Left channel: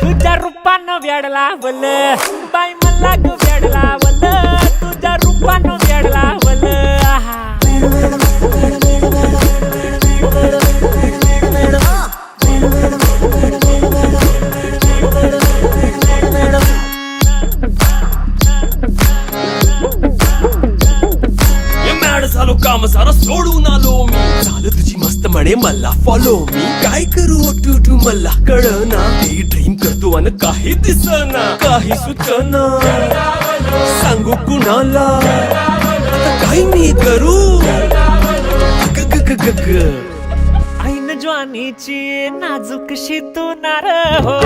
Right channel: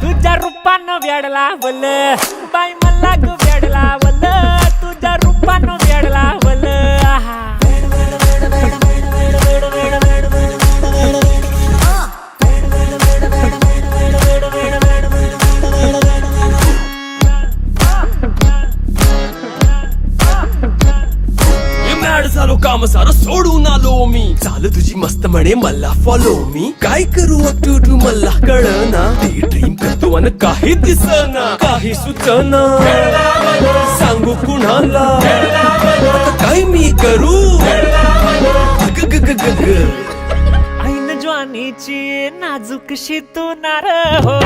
तुझ्या रूपानं वेड लावल बाई मला ग वेड लावल तुझ्या रूपानं वेड लावल आहा झालो काम सारं सोडून आलो मी चाल तुझी मस्त म्हणे मला फॉलो मी काय करू टू मला कळना ती ड्रीम करतो अन काही दिसना काही सुचना सांगू कुणाला आता काय मी करू ग ग ग ग ग ऐन ज्वानीची नाजूकशी तू नार हो